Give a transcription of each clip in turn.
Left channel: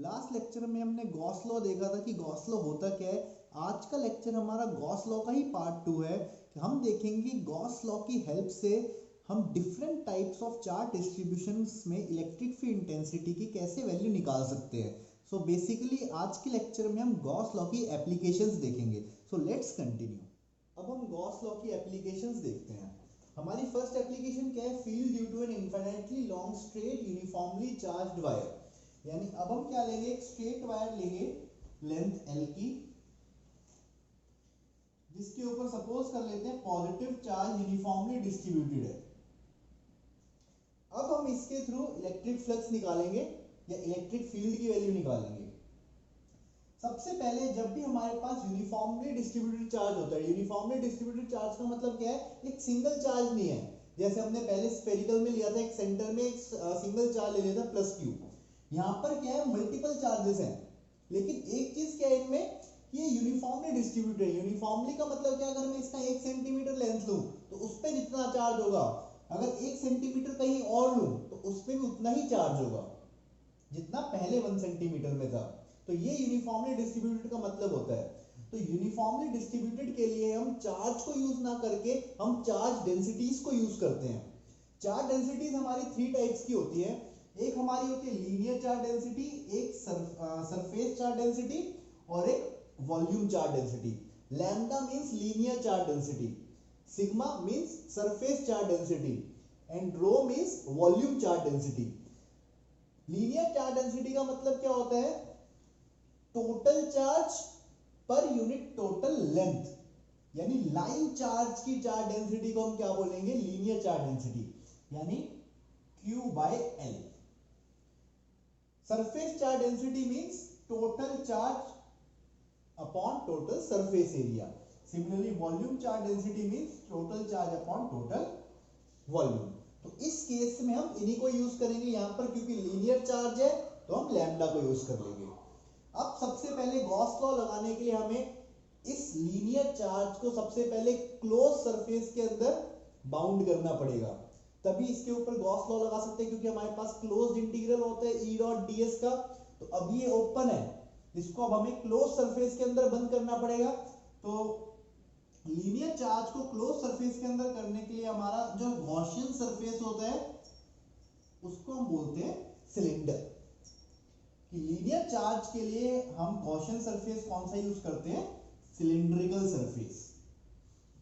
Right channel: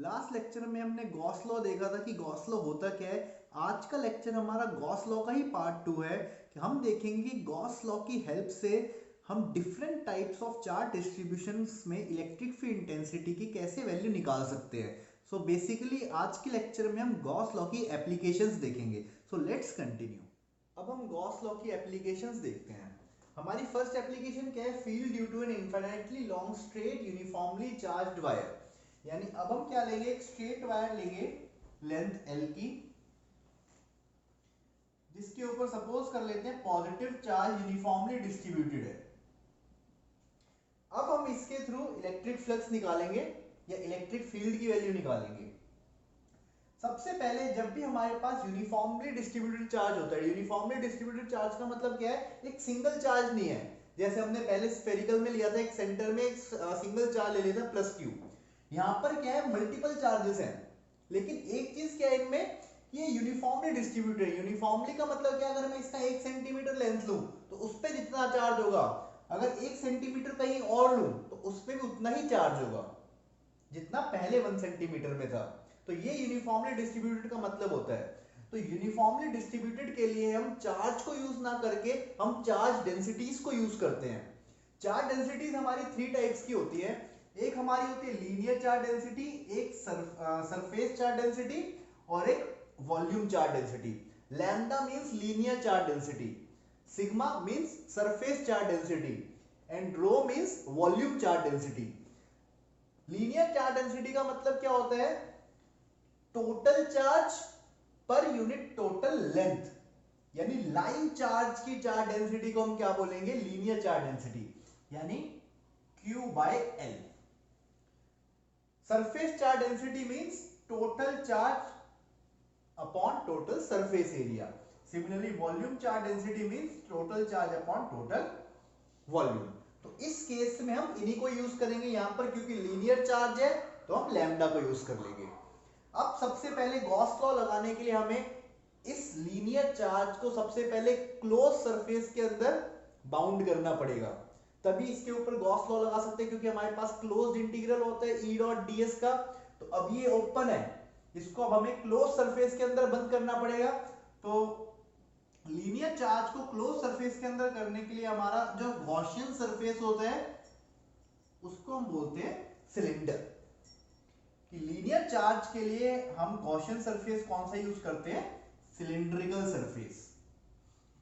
Last lecture में हमने Gauss law देखा था कि गॉस लॉ होता क्या है। आज का लेक्चर हमारा गॉस लॉ का ही पार्ट 2 है कि हम देखेंगे कि गॉस लॉ की हेल्प से हम different types of charge distributions में इलेक्ट्रिक फील्ड इंटेंसिटी की कैसे वैल्यू निकाल सकते हैं। सो बेसिकली आज के लेक्चर में हम गॉस लॉ की एप्लीकेशंस देखेंगे। So let's continue. अब हम गॉस लॉ की एप्लीकेशंस देखते हैं। हमारी फर्स्ट एप्लीकेशन क्या है, field due to an infinitely long straight uniformly charged wire. यानी अब हम क्या लेंगे, एक स्ट्रेट वायर लेंगे लेंथ एल की, जिसके ऊपर सपोज कर लेते हैं पॉजिटिव चार्ज यूनिफॉर्मली डिस्ट्रीब्यूटेड है। अब हम इसके थ्रू इलेक्ट्रिक फ्लक्स निकालेंगे या इलेक्ट्रिक फील्ड की वैल्यू निकालेंगे। सबसे पहले जब भी हमारे पास यूनिफॉर्मली डिस्ट्रीब्यूटेड चार्ज होता है, यूनिफॉर्मली डिस्ट्रीब्यूटेड चार्ज का मतलब क्या है, एक सिंगल चार्ज नहीं है। जैसे हमने पहले स्फेरिकल में लिया था, एक सेंटर में एक सिंगल चार्ज ले लिया था प्लस क्यू। यहां पर क्या है, मल्टीपल चार्जेस हैं, लेकिन एक चीज क्या है इनमें, ये यूनिफॉर्मली डिस्ट्रीब्यूटेड है। यूनिफॉर्मली का मतलब क्या, अगर मैं इसका 1 सेंटीमीटर लेंथ लूं तो उस पर जितना चार्ज होगा, अगर 1 सेंटीमीटर कहीं और लूं तो उस पर भी उतना ही चार्ज होगा जितना पहले 1 सेंटीमीटर में था। तो ये यूनिफॉर्मली डिस्ट्रीब्यूटेड का मतलब होता है। तो यूनिफॉर्मली डिस्ट्रीब्यूटेड के लिए हम चार्ज को यूज ना करके हम चार्ज डेंसिटीज को यूज करते हैं। चार्ज डेंसिटीज हमारी 3 टाइप्स की होती है। एक हमारी होती है लीनियर चार्ज डेंसिटी, एक सरफेस चार्ज डेंसिटी और एक volume charge density. Lambda means linear charge density, sigma means surface charge density and rho means volume charge density. Linear charge density का मतलब क्या होता है, total charge per unit total length, यानी line charge की charge density को हम क्या बोलेंगे, लीनियर चार्ज डेंसिटी, यानी Q by L। Surface charge density means total charge upon total surface area. Similarly volume charge density means total charge upon total volume. तो इस case में हम इन्हीं को यूज करेंगे यहां पर, क्योंकि लीनियर चार्ज है तो हम लैम्डा को यूज कर लेंगे। अब सबसे पहले गॉस लॉ लगाने के लिए हमें इस लीनियर चार्ज को सबसे पहले क्लोज सरफेस के अंदर बाउंड करना पड़ेगा, तभी इसके ऊपर गॉस लॉ लगा सकते हैं, क्योंकि हमारे पास क्लोज्ड इंटीग्रल होता है ई डॉट ds का। तो अब ये ओपन है, इसको अब हमें क्लोज सरफेस के अंदर बंद करना पड़ेगा। तो लीनियर चार्ज को क्लोज सरफेस के अंदर करने के लिए हमारा जो गॉसियन सरफेस होता है उसको हम बोलते हैं सिलेंडर। कि लीनियर चार्ज के लिए हम गॉसियन सरफेस कौन सा यूज करते हैं, सिलिंड्रिकल सरफेस।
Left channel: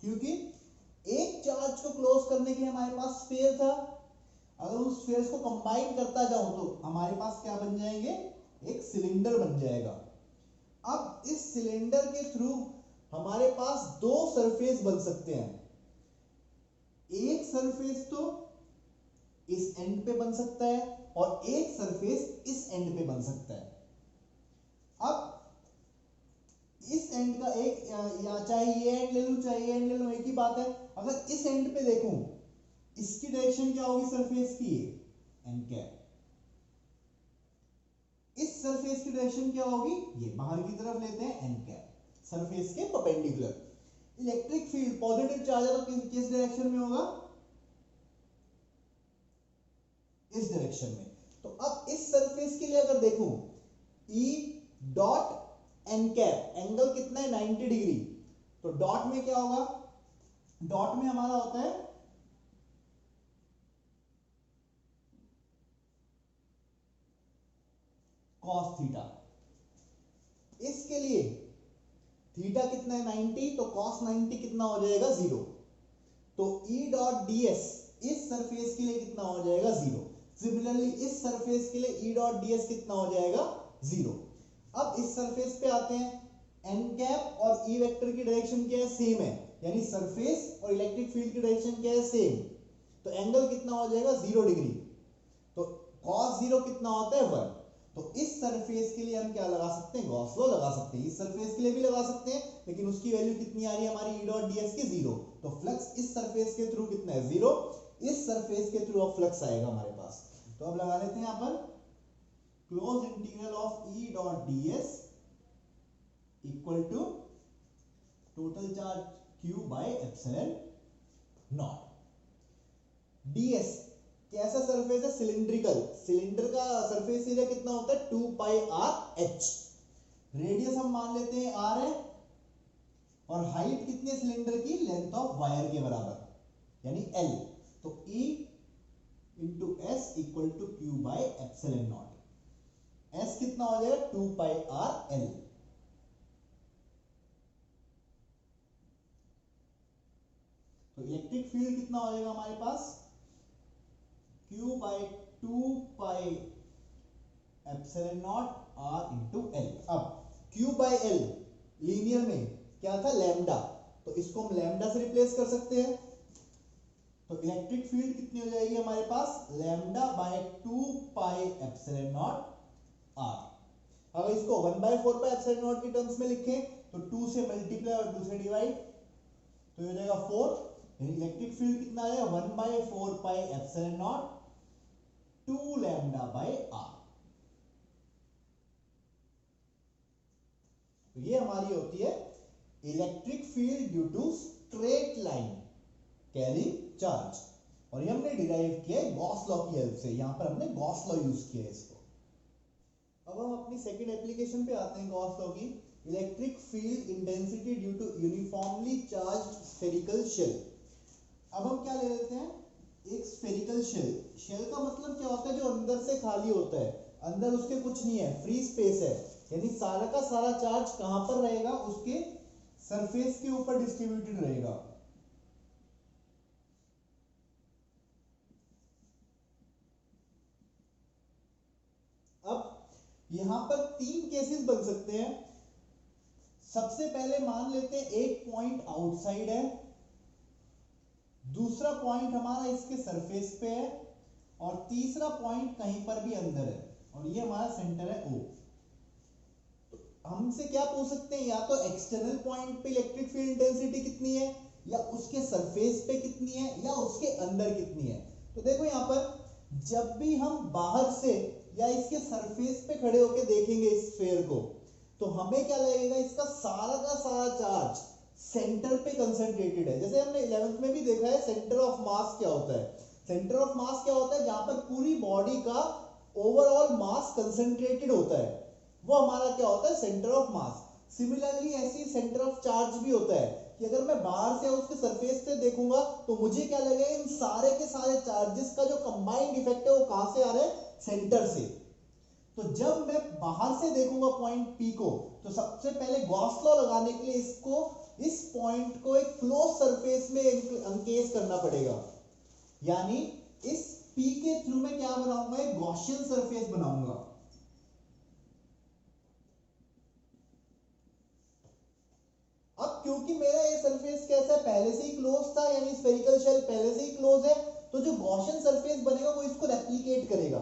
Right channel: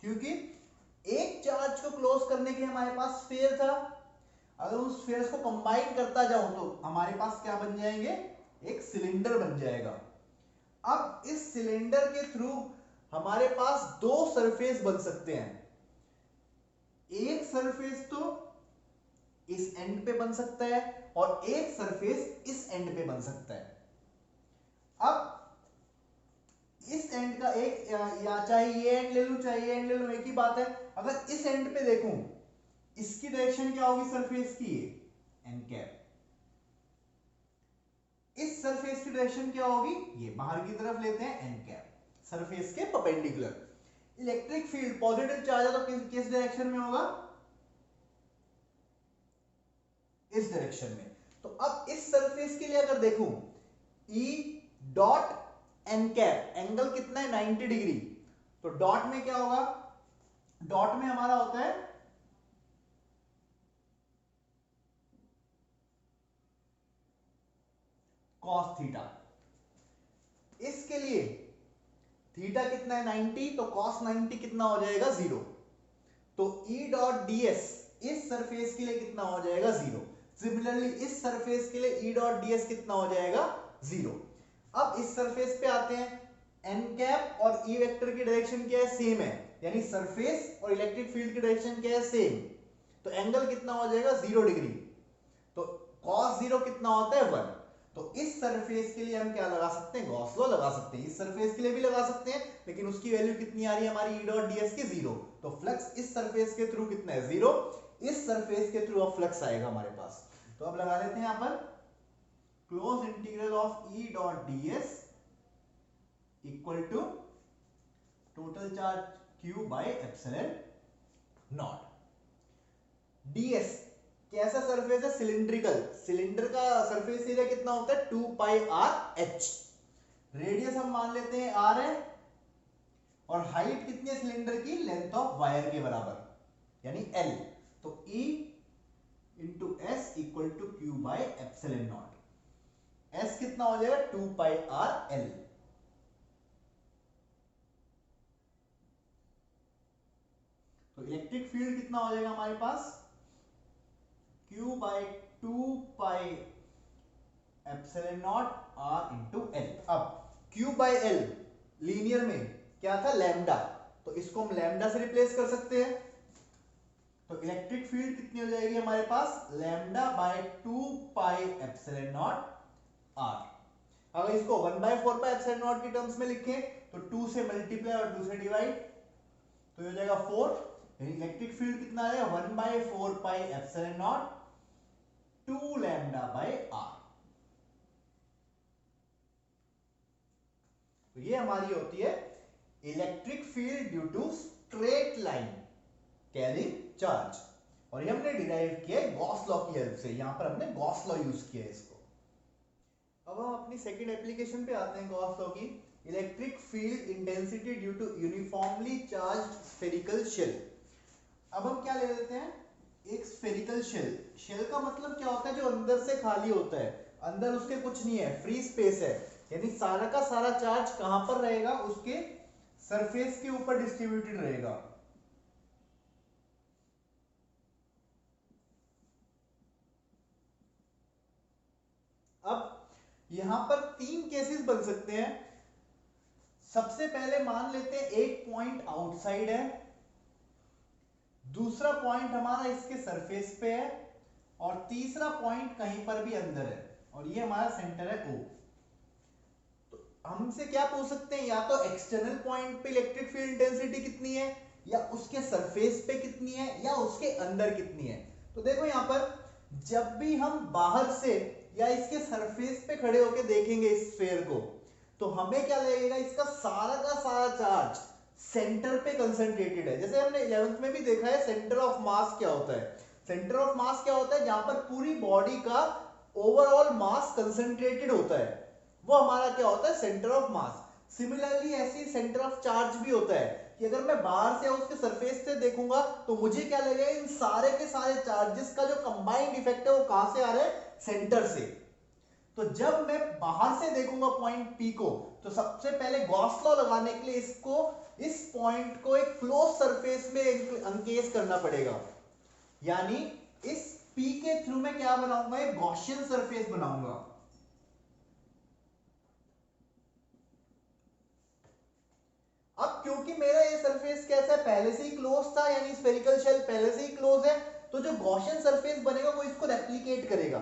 क्योंकि एक चार्ज को क्लोज करने के लिए हमारे पास स्फीयर था, अगर उस स्फीयर्स को कंबाइन करता जाऊं तो हमारे पास क्या बन जाएंगे, एक सिलेंडर बन जाएगा। अब इस सिलेंडर के थ्रू हमारे पास दो सरफेस बन सकते हैं। एक सरफेस तो इस एंड पे बन सकता है और एक सरफेस इस एंड पे बन सकता है। अब इस एंड का एक या चाहे ये एंड ले लूं चाहे ये एंड ले लूं, एक ही बात है। अगर इस एंड पे देखूं, इसकी डायरेक्शन क्या होगी सरफेस की, एन कैप। इस सरफेस की डायरेक्शन क्या होगी, ये बाहर की तरफ लेते हैं एन कैप, सरफेस के perpendicular. Electric field positive charge है तो किस डायरेक्शन में होगा, इस डायरेक्शन में। तो अब इस सरफेस के लिए अगर देखूं, E dot N cap, angle कितना है 90 डिग्री। तो डॉट में क्या होगा, डॉट में हमारा होता है कॉस थीटा। इसके लिए थीटा कितना है 90, तो कॉस 90 कितना हो जाएगा 0। तो E डॉट ds इस सरफेस के लिए कितना हो जाएगा 0। सिमिलरली इस सरफेस के लिए E डॉट ds कितना हो जाएगा 0। अब इस सरफेस पे आते हैं, एन कैप और E वेक्टर की डायरेक्शन क्या है, सेम है, यानी सरफेस और इलेक्ट्रिक फील्ड की डायरेक्शन क्या है, सेम। तो एंगल कितना हो जाएगा 0 डिग्री। तो cos 0 कितना होता है 1। तो इस सरफेस के लिए हम क्या लगा सकते हैं, गॉस लॉ लगा सकते हैं। इस सरफेस के लिए भी लगा सकते हैं, लेकिन उसकी वैल्यू कितनी आ रही है हमारी E डॉट ds की 0। तो फ्लक्स इस सरफेस के थ्रू कितना है 0, इस सरफेस के थ्रू अब फ्लक्स आएगा हमारे पास। तो अब लगा लेते हैं यहां पर close integral of E dot ds equal to total charge Q by epsilon naught. ds कैसा सरफेस है? सिलिंड्रिकल। सिलेंडर का सरफेस एरिया कितना होता है? 2 पाई आर एच। रेडियस हम मान लेते हैं आर है, और हाइट कितनी है सिलेंडर की? लेंथ ऑफ वायर के बराबर यानी एल। तो E into S equal to Q by epsilon naught. S कितना हो जाएगा? 2 पाई आर एल। तो इलेक्ट्रिक फील्ड कितना हो जाएगा हमारे पास? Q by 2 pi epsilon naught R into L. अब Q बाई एल लीनियर में क्या था? लैम्डा, तो इसको हम लैम्डा से रिप्लेस कर सकते हैं। तो इलेक्ट्रिक फील्ड कितनी हो जाएगी हमारे पास? Lambda by 2 pi epsilon naught R। अगर इसको 1/4 पाई एप्सिलॉन नॉट की टर्म्स में लिखें तो 2 से मल्टीप्लाई और 2 से डिवाइड, तो ये हो जाएगा 4। इलेक्ट्रिक फील्ड कितना आ जाएगा? 1/4 pi epsilon naught 2 lambda by R. तो ये हमारी होती है electric field due to straight line carrying charge, और ये हमने डिराइव किया है गॉस लॉ की हेल्प से। यहां पर हमने गॉस लॉ यूज किया है इसको। अब हम अपनी सेकंड एप्लीकेशन पे आते हैं गॉस लॉ की। Electric field intensity due to uniformly charged spherical shell. अब हम क्या ले लेते हैं? एक स्फेरिकल शेल। शेल का मतलब क्या होता है? जो अंदर से खाली होता है, अंदर उसके कुछ नहीं है, फ्री स्पेस है, यानी सारा का सारा चार्ज कहां पर रहेगा? उसके सरफेस के ऊपर डिस्ट्रीब्यूटेड रहेगा। अब यहां पर 3 केसेस बन सकते हैं। सबसे पहले मान लेते हैं एक पॉइंट आउटसाइड है, दूसरा पॉइंट हमारा इसके सरफेस पे है, और तीसरा पॉइंट कहीं पर भी अंदर है, और ये हमारा सेंटर है O। तो हमसे क्या पूछ सकते हैं? या तो एक्सटर्नल पॉइंट पे इलेक्ट्रिक फील्ड इंटेंसिटी कितनी है, या उसके सरफेस पे कितनी है, या उसके अंदर कितनी है। तो देखो यहां पर जब भी हम बाहर से या इसके सरफेस पे खड़े होकर देखेंगे इस स्फीयर को, तो हमें क्या लगेगा? इसका सारा का सारा चार्ज सेंटर पे कंसंट्रेटेड है। जैसे हमने 11th में भी देखा है सेंटर ऑफ मास क्या होता है। सेंटर ऑफ मास क्या होता है? जहां पर पूरी बॉडी का ओवरऑल मास कंसंट्रेटेड होता है, वो हमारा क्या होता है? Centre of mass. सिमिलरली ऐसे ही सेंटर ऑफ चार्ज भी होता है कि अगर मैं बाहर से उसके सरफेस से देखूंगा तो मुझे क्या लगेगा? इन सारे के सारे चार्जेस का जो कंबाइंड इफेक्ट है वो कहां से आ रहा है? सेंटर से। तो जब मैं बाहर से देखूंगा पॉइंट P को, तो सबसे पहले गॉस लॉ लगाने के लिए इसको, इस पॉइंट को एक क्लोज सरफेस में एनकेस करना पड़ेगा, यानी इस P के थ्रू मैं क्या बनाऊंगा? एक गॉसियन सरफेस बनाऊंगा। अब क्योंकि मेरा ये सरफेस कैसा है? पहले से ही क्लोज था, यानी स्फेरिकल शेल पहले से ही क्लोज है, तो जो गॉसियन सरफेस बनेगा वो इसको रेप्लिकेट करेगा।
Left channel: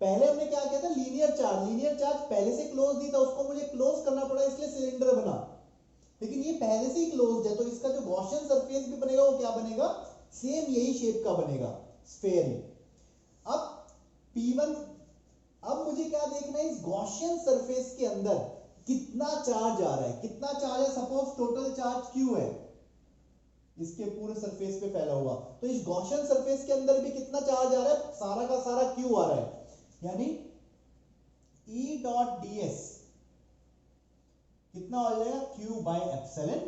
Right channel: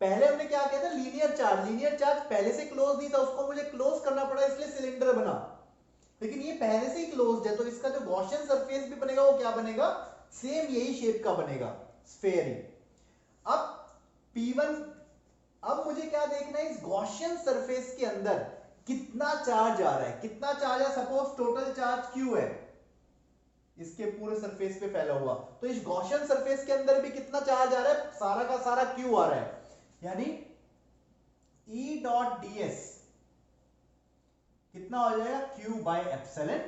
पहले हमने क्या किया था? Linear charge. लीनियर चार्ज पहले से क्लोज नहीं था, उसको मुझे क्लोज करना पड़ा, इसलिए सिलेंडर बना। लेकिन ये पहले से ही क्लोज्ड है, तो इसका जो गॉसियन सरफेस भी बनेगा वो क्या बनेगा? सेम यही शेप का बनेगा, स्फेयर ही। अब P1, अब मुझे क्या देखना है? इस गॉसियन सरफेस के अंदर कितना चार्ज आ रहा है? कितना चार्ज है? सपोज टोटल चार्ज Q है इसके पूरे सरफेस पे फैला हुआ, तो इस गॉसियन सरफेस के अंदर भी कितना चार्ज आ रहा है? सारा का सारा Q आ रहा है, यानी E डॉट ds कितना हो जाएगा? Q by epsilon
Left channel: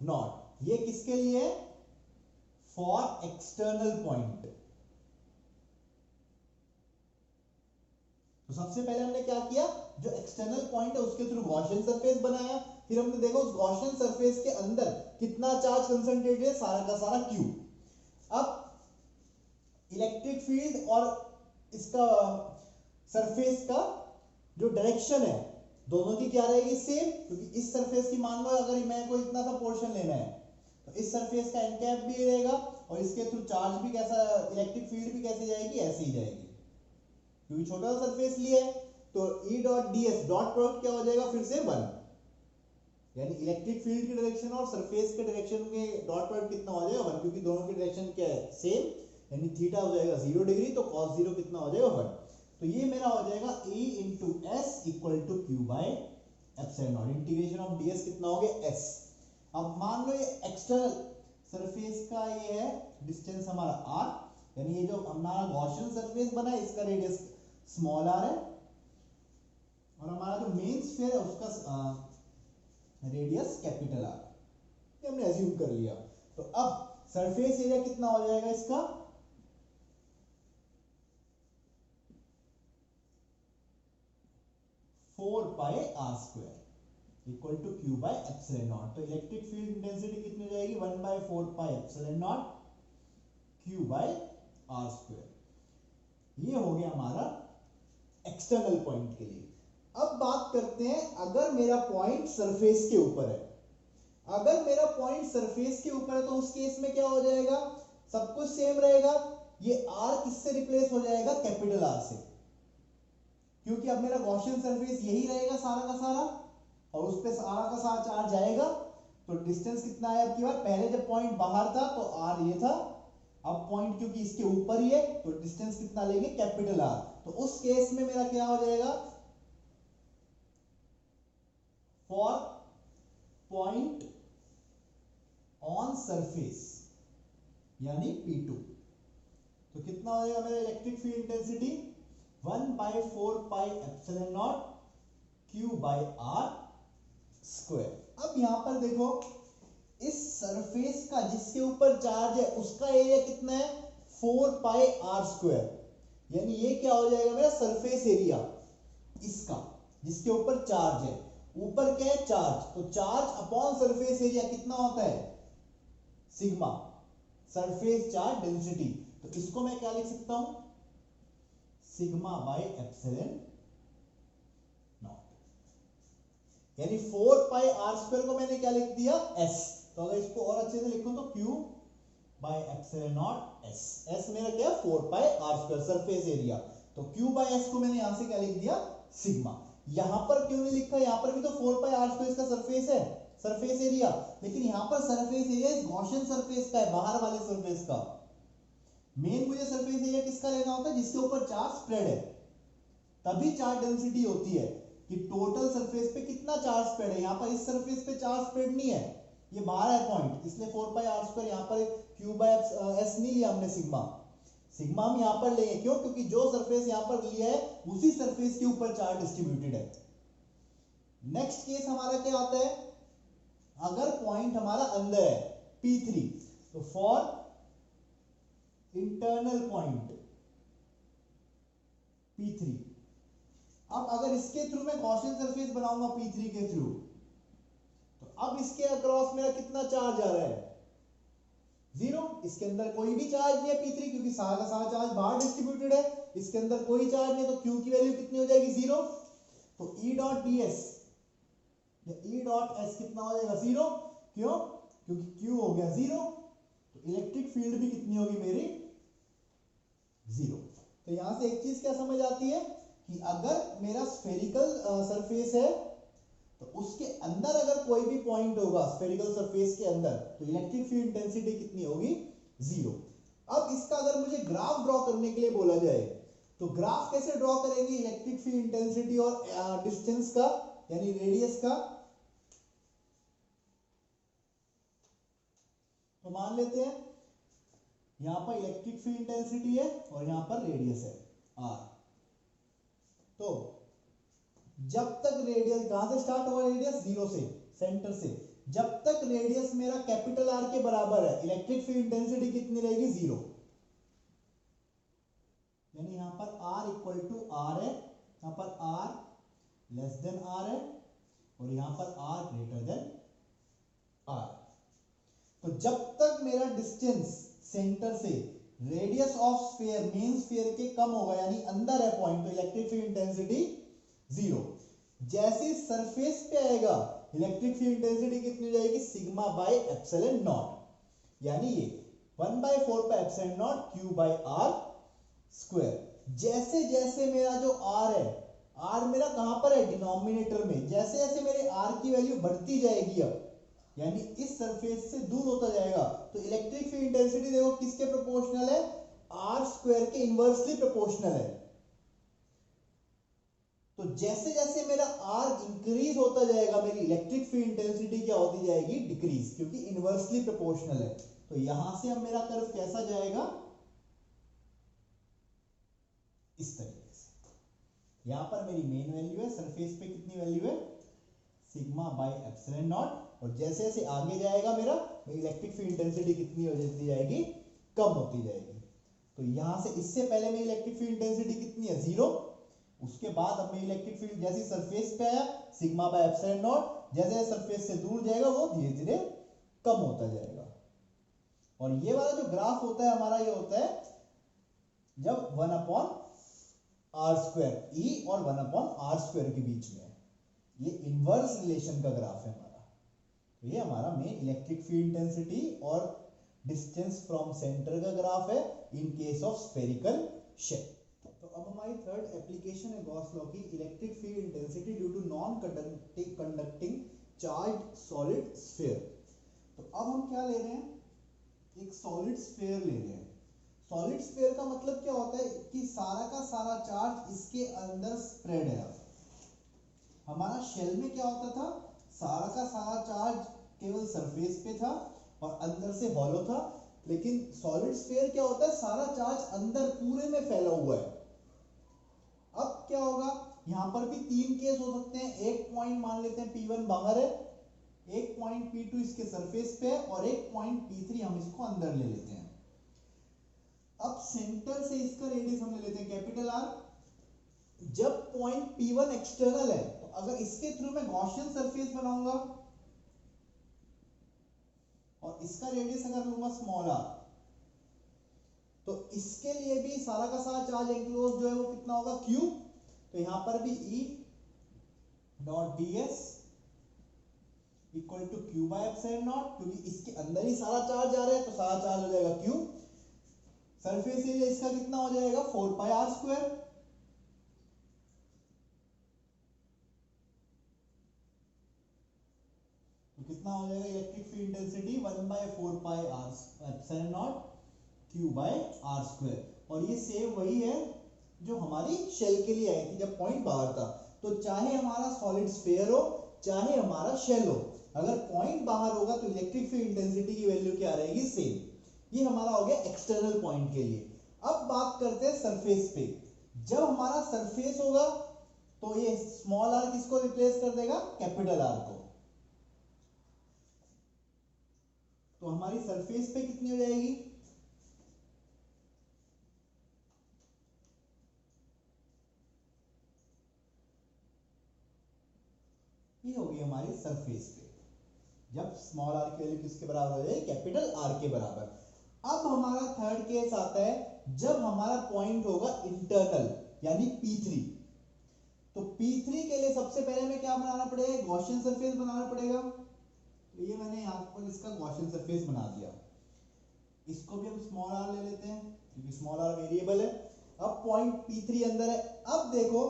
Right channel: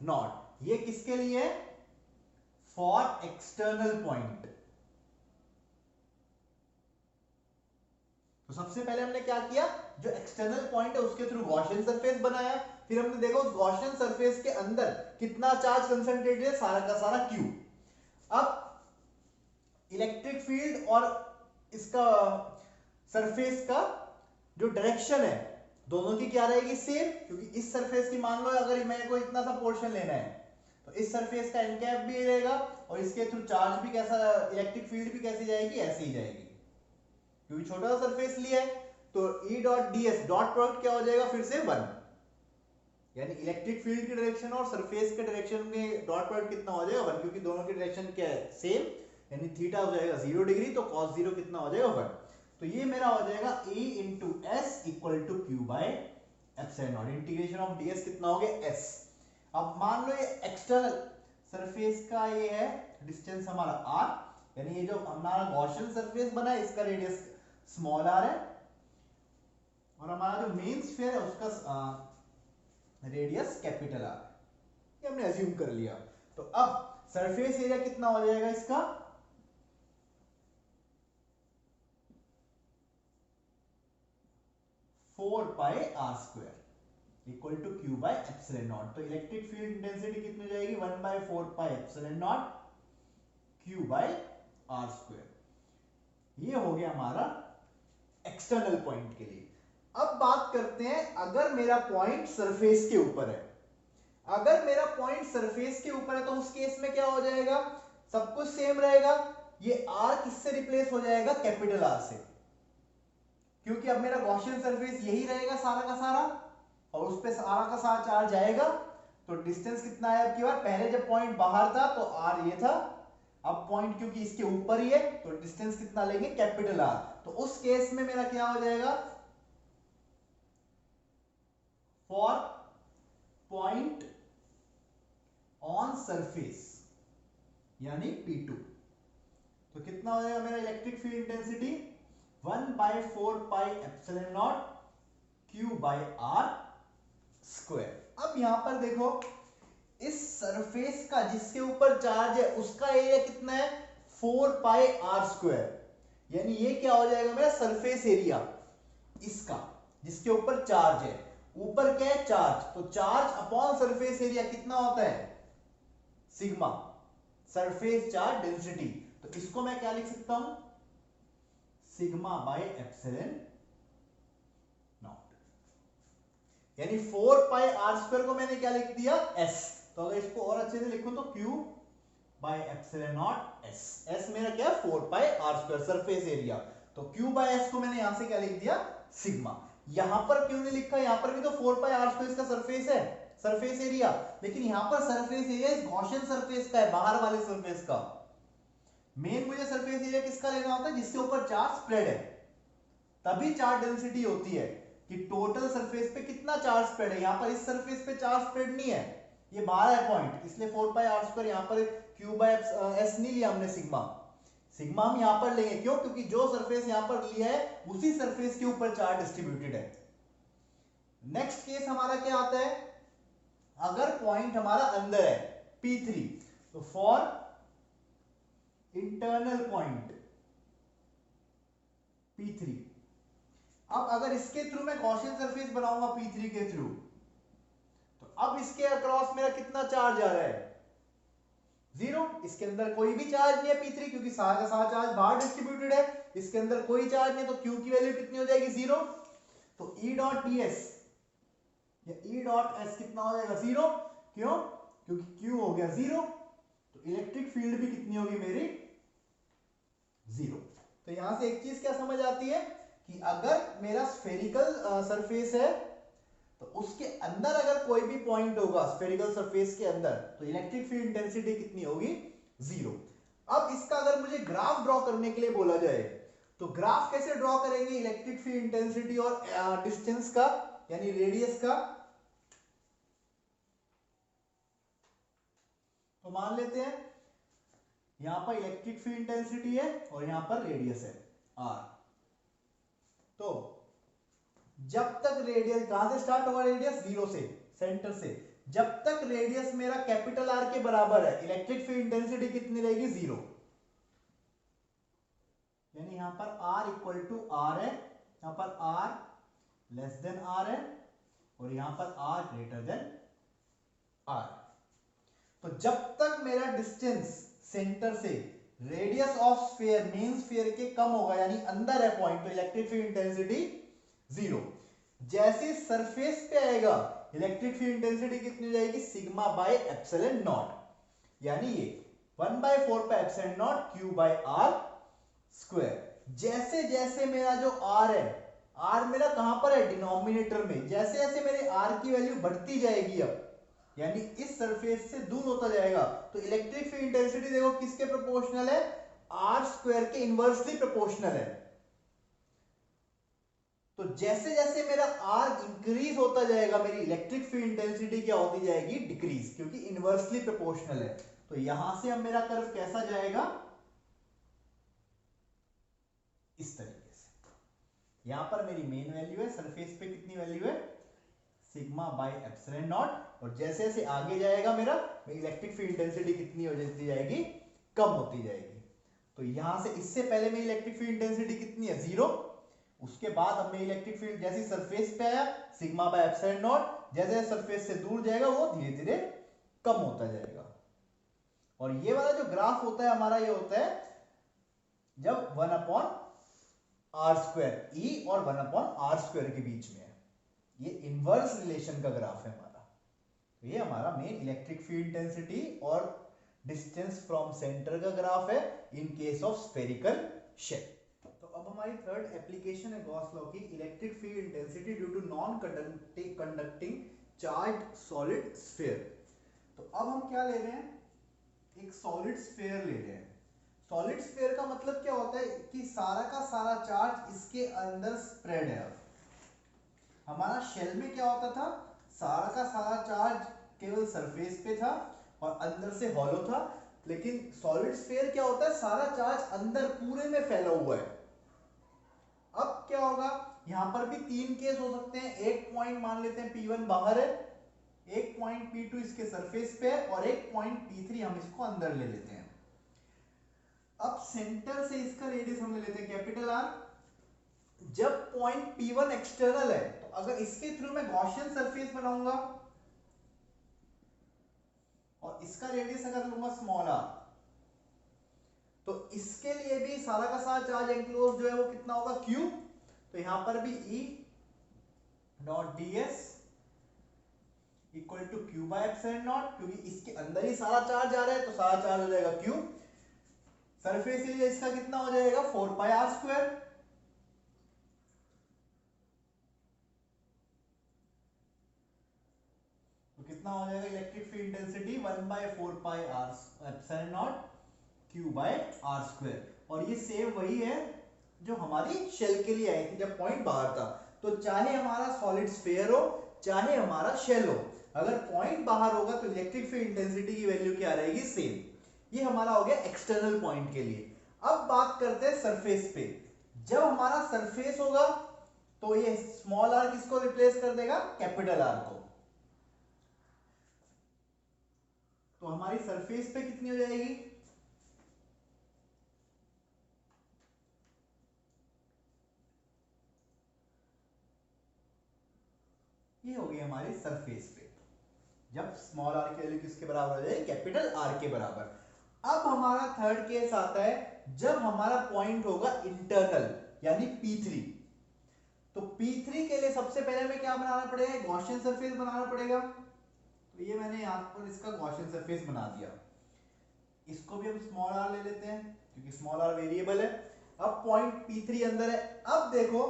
not. ये किसके लिए है? For external point. तो सबसे पहले हमने क्या किया? जो एक्सटर्नल पॉइंट है उसके थ्रू गॉसियन सरफेस बनाया, फिर हमने देखा उस गॉसियन सरफेस के अंदर कितना चार्ज कंसंट्रेटेड है? सारा का सारा Q। अब इलेक्ट्रिक फील्ड और इसका सरफेस का जो डायरेक्शन है दोनों की क्या रहेगी? सेम, क्योंकि इस सरफेस की मान लो अगर मेरे को इतना सा पोर्शन लेना है, तो इस सरफेस का एन कैप भी रहेगा, और इसके थ्रू चार्ज भी कैसा, इलेक्ट्रिक फील्ड भी कैसी जाएगी? ऐसे ही जाएगी, क्योंकि छोटा सा सरफेस लिया है। तो E dot ds dot product क्या हो जाएगा? फिर से 1, यानी इलेक्ट्रिक फील्ड की डायरेक्शन और सरफेस के डायरेक्शन में डॉट प्रोडक्ट कितना हो जाएगा? 1, क्योंकि दोनों की डायरेक्शन क्या है? सेम, यानी थीटा हो जाएगा 0 डिग्री, तो cos 0 कितना हो जाएगा? 1। तो ये मेरा हो जाएगा E into S equal to Q by epsilon naught. Integration of ds कितना हो गया? s। अब मान लो ये एक्सटर्नल सरफेस का ये है डिस्टेंस हमारा r, यानी ये जो हमारा गॉसियन सरफेस बना है इसका रेडियस स्मॉल आर है और हमारा जो मेन स्फीयर है उसका रेडियस कैपिटल आर, ये हमने अज्यूम कर लिया। तो अब सरफेस एरिया कितना हो जाएगा इसका, 4πr² equal to Q by epsilon naught. तो इलेक्ट्रिक फील्ड इंटेंसिटी कितनी हो जाएगी, 1/4πε0 Q बाय r²। ये हो गया हमारा एक्सटर्नल पॉइंट के लिए। अब बात करते हैं अगर मेरा पॉइंट सरफेस के ऊपर है, अगर मेरा पॉइंट सरफेस के ऊपर है तो उस केस में क्या हो जाएगा, सब कुछ सेम रहेगा। ये r किससे रिप्लेस हो जाएगा, कैपिटल R से, क्योंकि अब मेरा गॉसियन सरफेस यही रहेगा सारा का सारा और उस पे सारा का सारा चार्ज आएगा। तो डिस्टेंस कितना है अब की बार, पहले जब पॉइंट बाहर था तो r ये था, अब पॉइंट क्योंकि इसके ऊपर ही है तो डिस्टेंस कितना लेंगे, कैपिटल R। तो उस केस में मेरा क्या हो जाएगा, फॉर पॉइंट ऑन सरफेस यानी P2, तो कितना हो जाएगा मेरा electric field intensity, 1/4πε0 Q by r²। अब यहां पर देखो इस सरफेस का जिसके ऊपर चार्ज है उसका एरिया कितना है, 4πr², यानी ये क्या हो जाएगा मेरा सरफेस एरिया इसका जिसके ऊपर चार्ज है। ऊपर क्या है, चार्ज, तो चार्ज अपॉन सरफेस एरिया कितना होता है, सिग्मा, सरफेस चार्ज डेंसिटी। तो इसको मैं क्या लिख सकता हूं, सिग्मा बाय एप्सिलॉन नॉट, यानी 4πr² को मैंने क्या लिख दिया, s। तो अगर इसको और अच्छे से लिखूं तो Q by epsilon naught s, s मेरा क्या है 4πr² सरफेस एरिया, तो Q बाय s को मैंने यहां से क्या लिख दिया, सिग्मा। यहां पर क्यों नहीं लिखा, यहां पर भी तो 4πr² इसका सरफेस है, सरफेस एरिया, लेकिन यहां पर सरफेस एरिया इस गॉसियन सरफेस का है, बाहर वाले सरफेस का। मेन मुझे सरफेस एरिया किसका लेना होता है, जिसके ऊपर चार्ज स्प्रेड है, तभी चार्ज डेंसिटी होती है कि टोटल सरफेस पे कितना चार्ज स्प्रेड है। यहां पर इस सरफेस पे चार्ज स्प्रेड नहीं है, ये बाहर है पॉइंट, इसलिए 4πr², यहां पर Q बाय s नहीं लिया हमने, सिग्मा। सिग्मा हम यहां पर लेंगे, क्यों, क्योंकि जो सरफेस यहां पर लिया है उसी सरफेस के ऊपर चार्ज डिस्ट्रीब्यूटेड है। नेक्स्ट केस हमारा क्या आता है, अगर पॉइंट हमारा अंदर है P3, तो फॉर इंटरनल पॉइंट P3, अब अगर इसके थ्रू मैं गॉसियन सरफेस बनाऊंगा P3 के थ्रू, तो अब इसके अक्रॉस मेरा कितना चार्ज आ रहा है, 0। इसके अंदर कोई भी चार्ज नहीं है P3, क्योंकि सारा का सारा चार्ज बाहर डिस्ट्रीब्यूटेड है, इसके अंदर कोई चार्ज नहीं, तो Q की वैल्यू कितनी हो जाएगी, 0। तो E डॉट ds या E डॉट s कितना हो जाएगा, 0। क्यों, क्योंकि Q हो गया 0, तो इलेक्ट्रिक फील्ड भी कितनी होगी मेरी, 0। तो यहां से एक चीज क्या समझ आती है कि अगर मेरा स्फेरिकल सरफेस है तो उसके अंदर अगर कोई भी पॉइंट होगा स्फेरिकल सरफेस के अंदर, तो इलेक्ट्रिक फील्ड इंटेंसिटी कितनी होगी, 0। अब इसका अगर मुझे ग्राफ ड्रॉ करने के लिए बोला जाए तो ग्राफ कैसे ड्रॉ करेंगे इलेक्ट्रिक फील्ड इंटेंसिटी और डिस्टेंस का यानी रेडियस का। तो मान लेते हैं यहां पर इलेक्ट्रिक फील्ड इंटेंसिटी है और यहां पर रेडियस है r। तो जब तक रेडियस, कहां से स्टार्ट होगा रेडियस, 0 से, सेंटर से, जब तक रेडियस मेरा कैपिटल R के बराबर है इलेक्ट्रिक फील्ड इंटेंसिटी कितनी रहेगी, 0। यानी यहां पर R इक्वल टू R है, यहां पर R लेस देन R है और यहां पर R ग्रेटर देन R। तो जब तक मेरा डिस्टेंस सेंटर से radius of sphere, main sphere के कम होगा, यानी अंदर है पॉइंट, तो इलेक्ट्रिक फील्ड इंटेंसिटी 0। जैसे सरफेस पे आएगा इलेक्ट्रिक फील्ड इंटेंसिटी कितनी हो जाएगी, सिग्मा बाय एप्सिलॉन नॉट, यानी ये 1/4πε0 Q बाय r²। जैसे जैसे मेरा जो r है, r मेरा कहां पर है, डिनोमिनेटर में, जैसे जैसे मेरे r की वैल्यू बढ़ती जाएगी अब, यानी इस सरफेस से दूर होता जाएगा, तो इलेक्ट्रिक फील्ड इंटेंसिटी देखो किसके प्रोपोर्शनल है, r² के इनवर्सली प्रोपोर्शनल है। तो जैसे जैसे मेरा r इंक्रीज होता जाएगा मेरी इलेक्ट्रिक फील्ड इंटेंसिटी क्या होती जाएगी, डिक्रीज, क्योंकि इनवर्सली प्रोपोर्शनल है। तो यहां से अब मेरा कर्व कैसा जाएगा, इस तरीके से। यहां पर मेरी मेन वैल्यू है, सरफेस पे कितनी वैल्यू है, सिग्मा बाय एप्सिलॉन नॉट, और जैसे जैसे आगे जाएगा मेरा इलेक्ट्रिक फील्ड इंटेंसिटी कितनी हो जाती जाएगी, कम होती जाएगी। तो यहां से इससे पहले में इलेक्ट्रिक फील्ड इंटेंसिटी कितनी है, 0। उसके बाद अब मैं इलेक्ट्रिक फील्ड जैसे सरफेस पे आया सिग्मा बाय एप्सिलॉन नॉट, जैसे सरफेस से दूर जाएगा वो धीरे धीरे कम होता जाएगा। और ये वाला जो ग्राफ होता है हमारा, ये होता है जब 1/r² E और 1/r² के बीच में है, ये इनवर्स रिलेशन का ग्राफ है हमारा। तो ये हमारा मेन इलेक्ट्रिक फील्ड इंटेंसिटी और डिस्टेंस फ्रॉम सेंटर का ग्राफ है in case of spherical shape. तो अब हमारी थर्ड एप्लीकेशन है गॉस लॉ की, electric field intensity due to non conducting charge solid sphere. तो अब हम क्या ले रहे हैं, एक सॉलिड स्फीयर ले रहे हैं। सॉलिड स्फीयर का मतलब क्या होता है कि सारा का सारा चार्ज इसके अंदर स्प्रेड है। हमारा शेल में क्या होता था, सारा का सारा चार्ज केवल सरफेस पे था और अंदर से हॉलो था, लेकिन सॉलिड स्फीयर क्या होता है, सारा चार्ज अंदर पूरे में फैला हुआ है। अब क्या होगा, यहां पर भी 3 केस हो सकते हैं। एक पॉइंट मान लेते हैं P1 बाहर है, एक पॉइंट P2 इसके सरफेस पे है और एक पॉइंट P3 हम इसको अंदर ले लेते हैं। अब सेंटर से इसका रेडियस हम ले लेते हैं कैपिटल R। जब पॉइंट P1 एक्सटर्नल है, तो अगर इसके थ्रू मैं गॉसियन सरफेस बनाऊंगा और इसका रेडियस अगर लूंगा स्मॉल r, तो इसके लिए भी सारा का सारा चार्ज एंक्लोज जो है वो कितना होगा, Q। तो यहां पर भी E dot ds equal to Q by epsilon naught, क्योंकि इसके अंदर ही सारा चार्ज आ रहा है तो सारा चार्ज हो जाएगा Q। सरफेस एरिया इसका कितना हो जाएगा, 4πr²। तो कितना हो जाएगा electric field intensity, 1/4πr epsilon naught Q by r²। और ये सेम वही है जो हमारी शेल के लिए आई थी जब पॉइंट बाहर था। तो चाहे हमारा सॉलिड स्फीयर हो चाहे हमारा शेल हो, अगर पॉइंट बाहर होगा तो इलेक्ट्रिक फील्ड इंटेंसिटी की वैल्यू क्या रहेगी, सेम। ये हमारा हो गया एक्सटर्नल पॉइंट के लिए। अब बात करते हैं सरफेस पे। जब हमारा सरफेस होगा तो ये स्मॉल r किसको रिप्लेस कर देगा, कैपिटल R को। तो हमारी सरफेस पे कितनी हो जाएगी, ये होगी हमारी सरफेस पे, जब स्मॉल r की वैल्यू किसके बराबर हो जाए, कैपिटल R के बराबर। अब हमारा थर्ड केस आता है जब हमारा पॉइंट होगा इंटरनल यानी P3। तो P3 के लिए सबसे पहले हमें क्या बनाना पड़ेगा, गॉसियन सरफेस बनाना पड़ेगा। तो ये मैंने यहां पर इसका गॉसियन सरफेस बना दिया। इसको भी हम स्मॉल r ले लेते हैं क्योंकि स्मॉल r वेरिएबल है। अब पॉइंट P3 अंदर है। अब देखो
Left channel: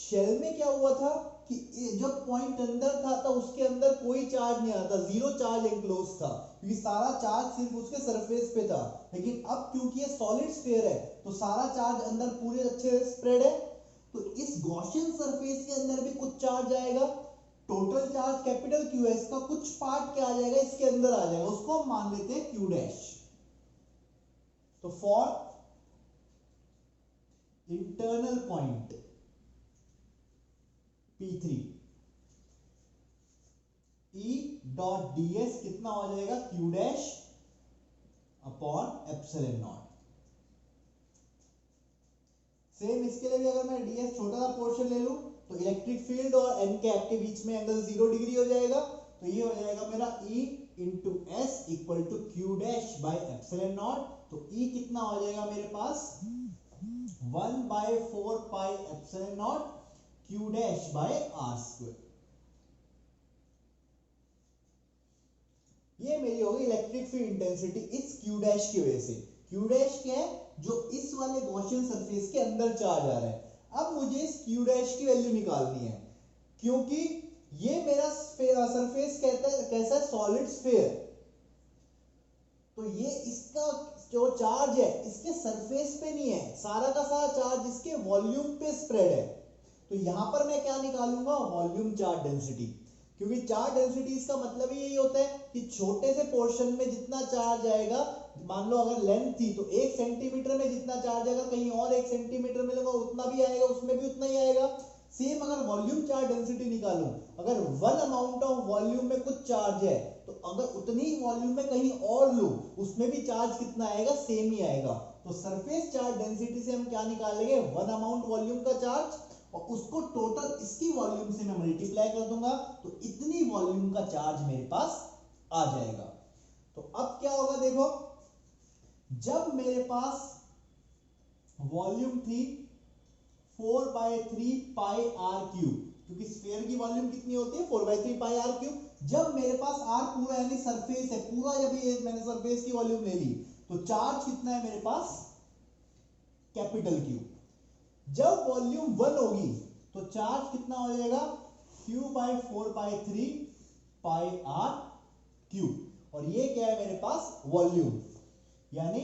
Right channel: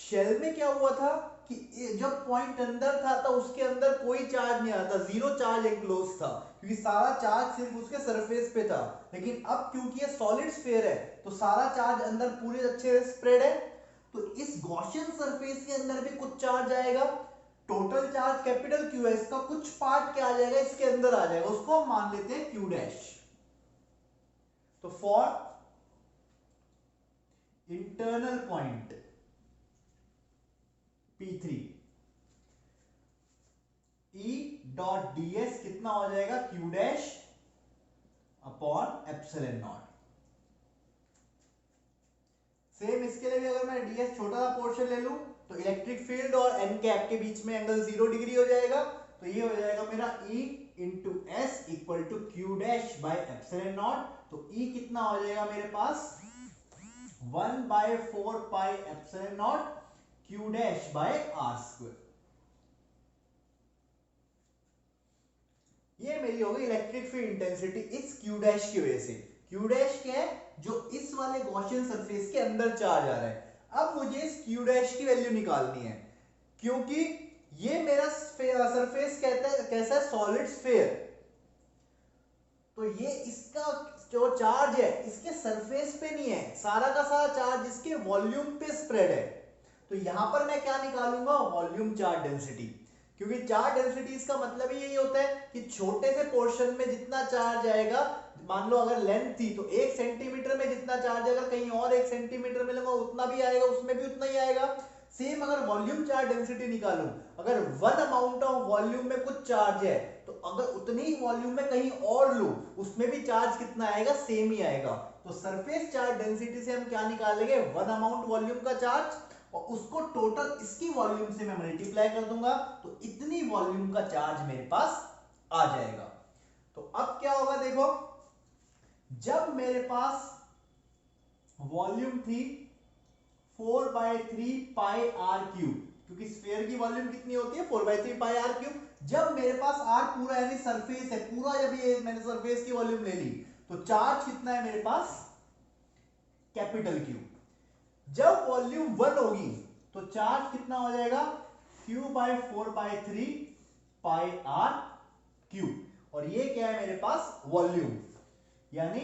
शेल में क्या हुआ था कि जब पॉइंट अंदर था तो उसके अंदर कोई चार्ज नहीं आता, जीरो चार्ज एनक्लोज था, क्योंकि सारा चार्ज सिर्फ उसके सरफेस पे था। लेकिन अब क्योंकि ये सॉलिड स्फीयर है तो सारा चार्ज अंदर पूरे अच्छे से स्प्रेड है। तो इस गॉसियन सरफेस के अंदर भी कुछ चार्ज आएगा। टोटल चार्ज कैपिटल Q है, इसका कुछ पार्ट क्या आ जाएगा, इसके अंदर आ जाएगा, उसको हम मान लेते हैं Q डैश। तो for internal point P3 E dot ds कितना हो जाएगा, Q dash upon epsilon not. Same इसके लिए भी अगर मैं ds छोटा सा पोर्शन ले लूं तो इलेक्ट्रिक फील्ड और n कैप के बीच में एंगल 0 डिग्री हो जाएगा। तो ये हो जाएगा मेरा E into s equal to Q dash by epsilon naught. तो E कितना हो जाएगा मेरे पास, 1/4 epsilon naught Q dash by r²। ये मेरी होगी इलेक्ट्रिक फील्ड इंटेंसिटी इस Q डैश की वजह से। Q डैश क्या है, जो इस वाले गॉसियन सरफेस के अंदर चार्ज आ रहा है। अब मुझे इस Q डैश की वैल्यू निकालनी है, क्योंकि ये मेरा सरफेस कहता है कैसा है, सॉलिड स्फीयर। तो ये इसका जो चार्ज है इसके सरफेस पे नहीं है, सारा का सारा चार्ज इसके वॉल्यूम पे स्प्रेड है। तो यहां पर मैं क्या निकालूंगा, वॉल्यूम चार्ज डेंसिटी, क्योंकि चार्ज डेंसिटी का मतलब ही यही होता है कि छोटे से पोर्शन में जितना चार्ज आएगा मान लो अगर लेंथ थी तो 1 सेंटीमीटर में जितना चार्ज अगर कहीं और 1 सेंटीमीटर में लगा उतना भी आएगा, उसमें भी उतना ही आएगा। सेम अगर वॉल्यूम चार्ज डेंसिटी निकालूं, अगर वन अमाउंट ऑफ वॉल्यूम में कुछ चार्ज है तो अगर उतनी ही वॉल्यूम में कहीं और लूं उसमें भी चार्ज कितना आएगा, सेम ही आएगा। तो सरफेस चार्ज डेंसिटी से हम क्या निकालेंगे, वन अमाउंट वॉल्यूम का चार्ज, और उसको टोटल इसकी वॉल्यूम से मैं मल्टीप्लाई कर दूंगा तो इतनी वॉल्यूम का चार्ज मेरे पास आ जाएगा। तो अब क्या होगा देखो, जब मेरे पास वॉल्यूम थी 4/3 पाई आर क्यूब, क्योंकि स्फीयर की वॉल्यूम कितनी होती है 4/3 पाई आर क्यूब। जब मेरे पास आर पूरा यानी सरफेस है पूरा, जब ये मैंने सरफेस की वॉल्यूम ले ली तो चार्ज कितना है मेरे पास, कैपिटल क्यू। जब वॉल्यूम 1 होगी तो चार्ज कितना हो जाएगा, Q/4/3 पाई आर क्यूब। और ये क्या है मेरे पास, वॉल्यूम, यानी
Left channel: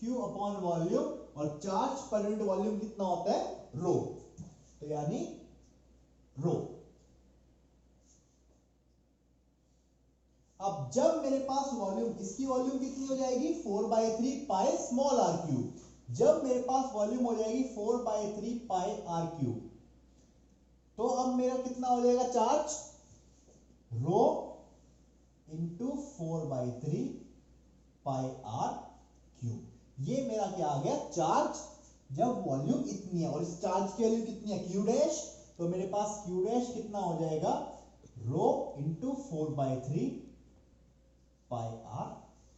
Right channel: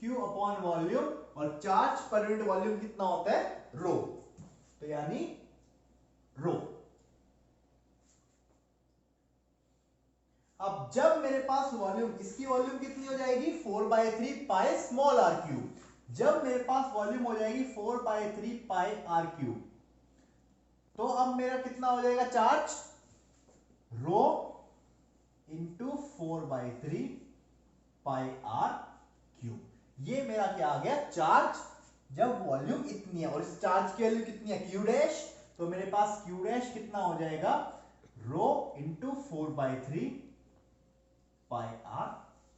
Q अपॉन वॉल्यूम, और चार्ज पर यूनिट वॉल्यूम कितना होता है, रो, तो यानी रो। अब जब मेरे पास वॉल्यूम, इसकी वॉल्यूम कितनी हो जाएगी 4/3 पाई स्मॉल आर क्यूब। जब मेरे पास वॉल्यूम हो जाएगी 4/3 पाई आर क्यूब, तो अब मेरा कितना हो जाएगा charge, rho into 4/3 pi R cube. ये मेरा क्या आ गया चार्ज, जब वॉल्यूम इतनी है, और इस चार्ज की वैल्यू कितनी है क्यू डैश, तो मेरे पास क्यू डैश कितना हो जाएगा, rho into 4/3 pi R